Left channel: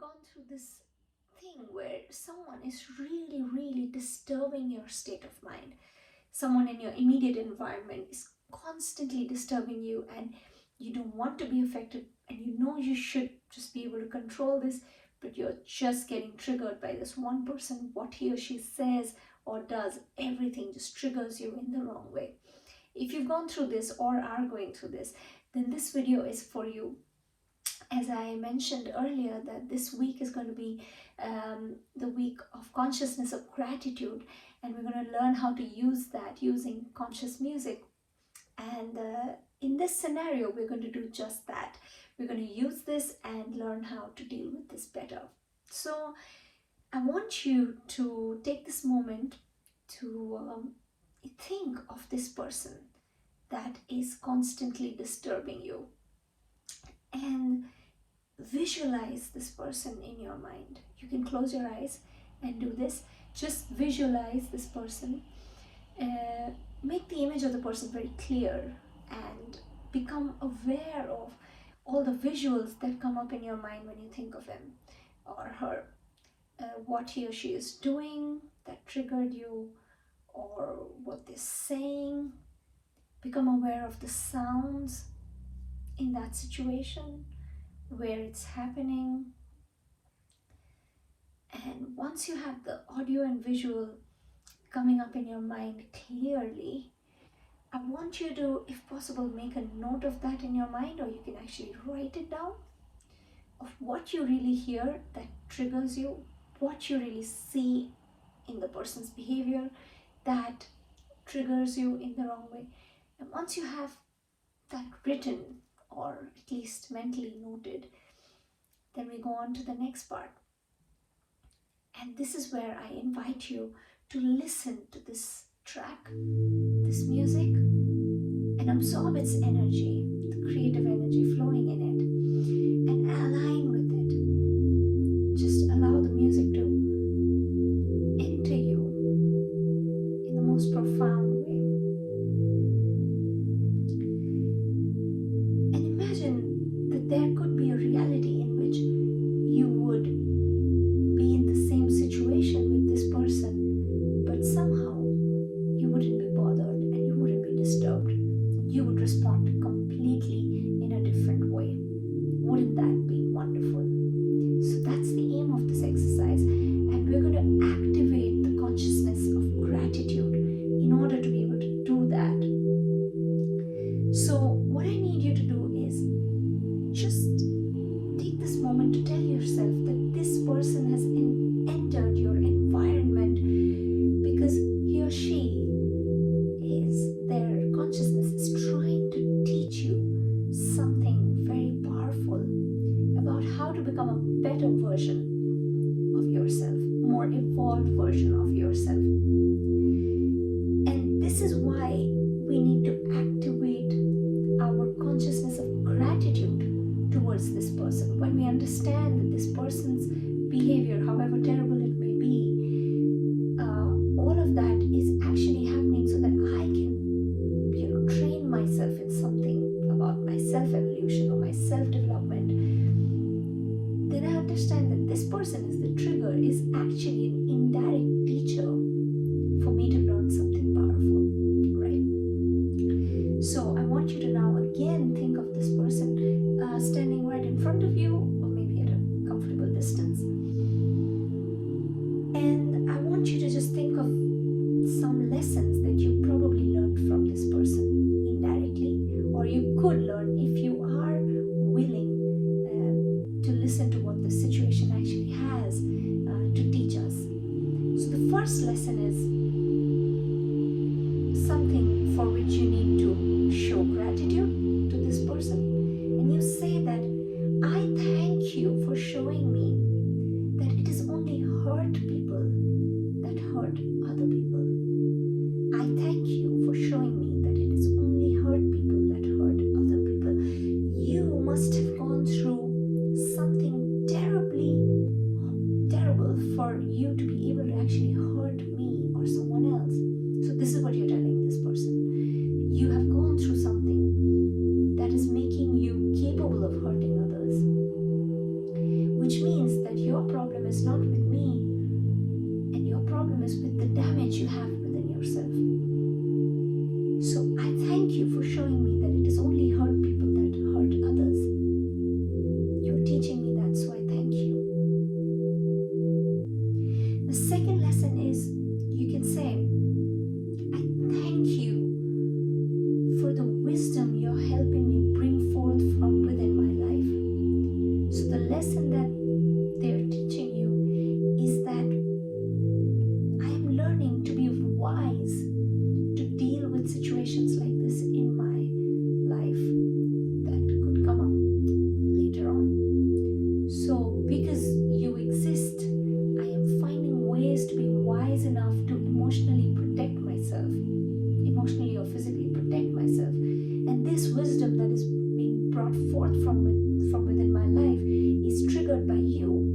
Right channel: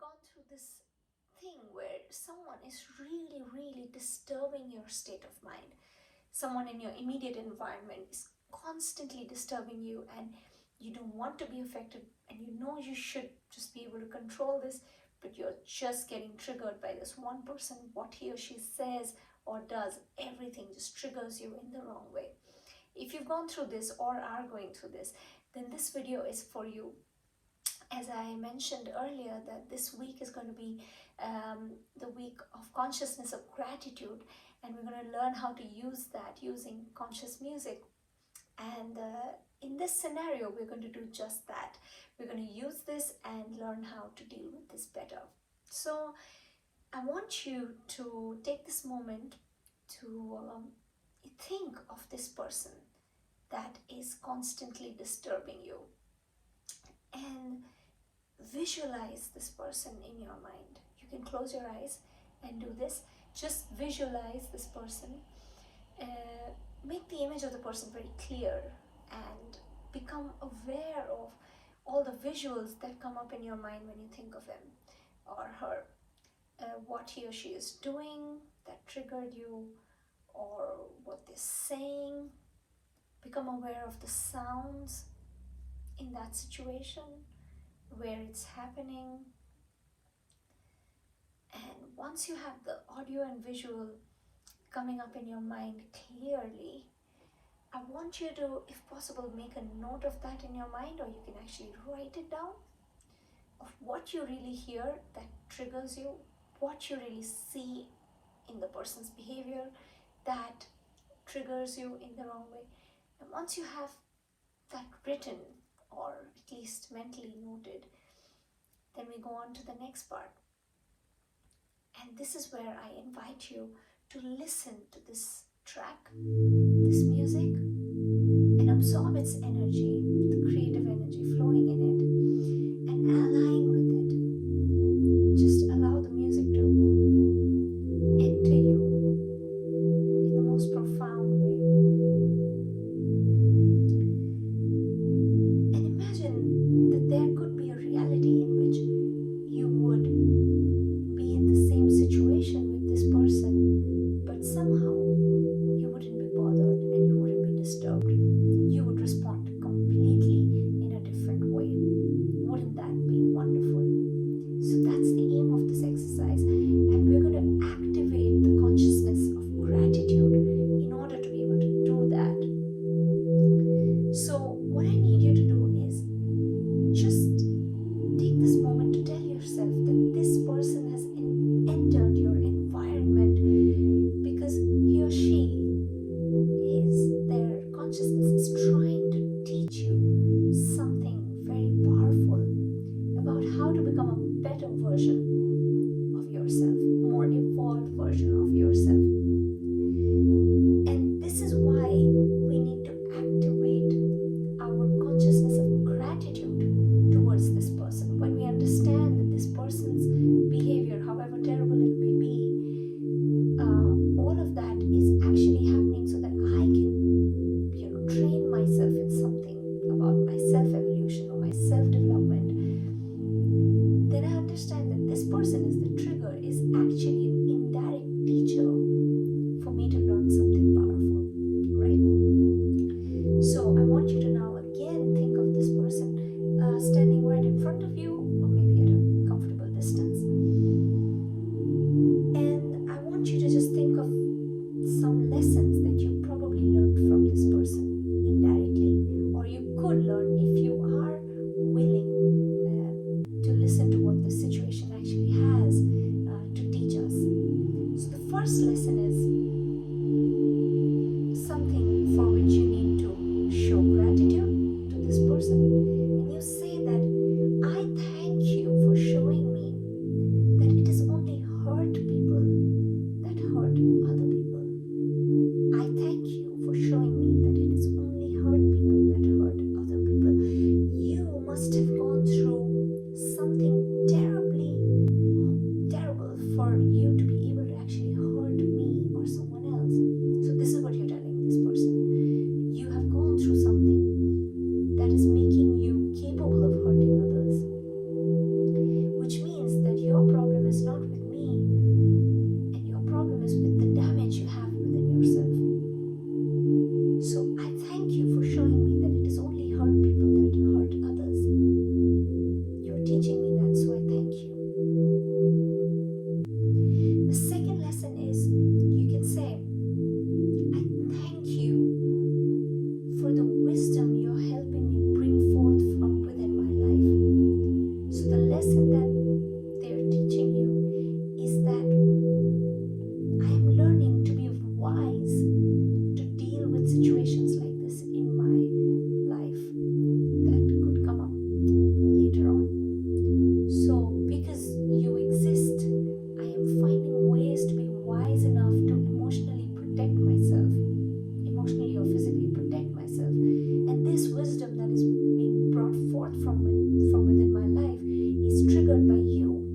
gone through this thing where someone is really, really disturbing your state of mind? Someone in your immediate environment is constantly disturbing you and you don't want to be affected, and you know you should just be able to control this, but you're just getting triggered by this one person. What he or she says or does, everything just triggers you in the wrong way. If you've gone through this or are going through this, then this video is for you. As I mentioned earlier, that this week is going to be the week of consciousness of gratitude, and we're going to learn how to use that using conscious music. And in this scenario, we're going to do just that. We're going to use this and learn how to deal with this better. So I want you to take this moment to think of this person that is constantly disturbing you, and visualize this person in your mind. You can close your eyes and do this. Just visualize this person. Make the image of the person very clear and become aware of all the visuals that come up in your mind when you think of him or her. What he or she is doing that triggered you, or what they're saying. Become aware of the sounds in that situation, where it's happening. And once you have the audio and visual coming up in your mind clearly, I want you to, if possible, make a note of that in your mind, or you can actually write it down, of what you really hear that triggers you, what you really see in the person's behavior that triggers you in the wrong way. And once you have that written, or at least mentally noted, then we go on to the next part. And this is where I invite you to listen to this track, this music, and absorb its energy, the creative energy flowing in it, and align with it. Just allow the music to enter you in the most profound way. And imagine that there could be a reality in which you would be in the same situation with this person, but somehow you wouldn't be bothered and you wouldn't be disturbed. You would respond completely in a different way. Wouldn't that be wonderful? So that's the aim of this exercise, and we're going to activate the consciousness of gratitude in order to be able to do that. So what I need you to do is just take this moment to tell yourself that this person has entered your environment because he or she their consciousness is trying to teach you something very powerful about how to become a better version of yourself, more evolved version of yourself. And this is why we need to activate our consciousness of gratitude towards this person. When we understand that this person's behavior, however terrible it may be, all of that is actually happening so that I can, train myself in something about my self-evolution or my self-development, then I understand that this person is the trigger, is actually an indirect teacher for me to learn something powerful, right? So I want you to now again think of this person standing right in front of you, or maybe at a comfortable distance. And I want you to just think of some lessons that you probably learned from this person indirectly, or you could learn if you are willing to listen to what the situation actually has to teach us. So the first lesson is something for which you need to show gratitude to this person, and you say that, I thank you for showing me that it is only hurt people that hurt other people. I thank you for showing me that it is only hurt people that hurt other people. You must have gone through something terrible for you to be able to actually hurt me by you.